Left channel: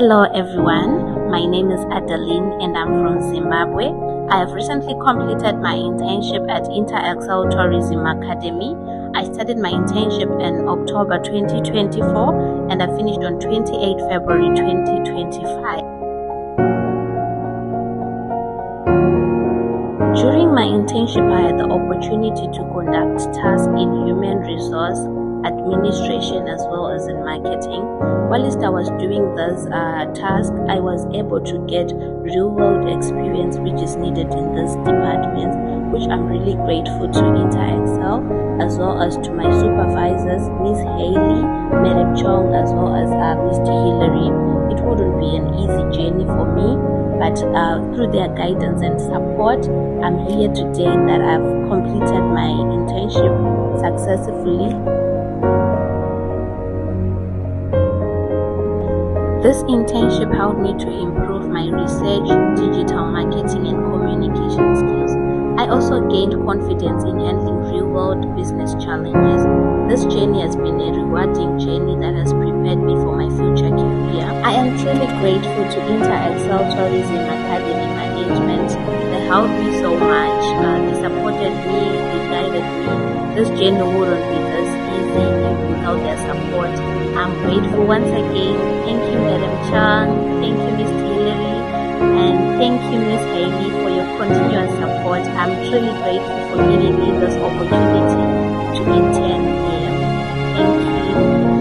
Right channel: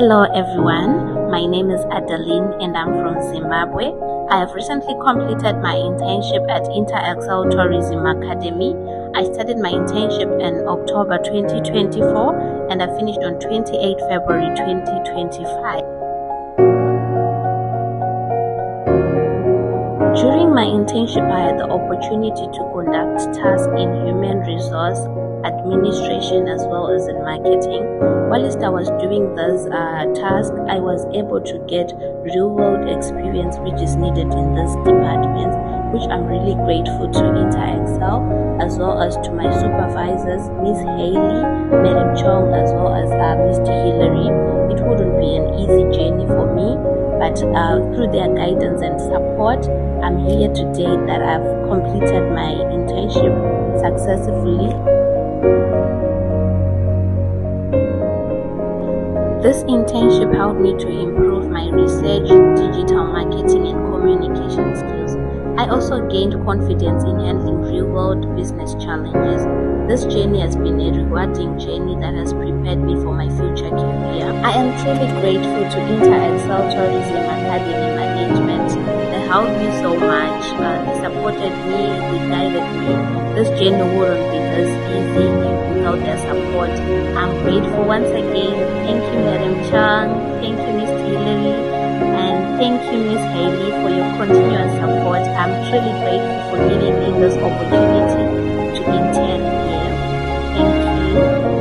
Hello everyone, my name is Adeline and I'm from Zimbabwe. I have recently completed my internship at Intern Tourism Academy. I started my internship in October 2024 and I finished on 28 February 2025. During my internship, I had the opportunity to conduct tasks in human resource administration as well as in marketing. Whilst I was doing those tasks, I was able to get real-world experience which is needed in this department, which I'm really grateful to InterExcel as well as to my supervisors, Miss Haley, Madam Chong, as well as Mr. Hillary. It wouldn't be an easy journey for me, but through their guidance and support, I'm here today that I've completed my internship successfully. This internship helped me to improve my research, digital marketing, and communication skills. I also gained confidence in handling real-world business challenges. This journey has been a rewarding journey that has prepared me for my future career. I am truly grateful to InterExcel Tourism Academy management. They helped me so much. They supported me, they guided me. This journey wouldn't be this easy without their support. I'm grateful once again. Thank you, Madam Chang. Thank you, Ms. Hillary. And thank you, Ms. Haley, for your continuous support. I'm truly grateful for giving me this opportunity to intern here. Thank you.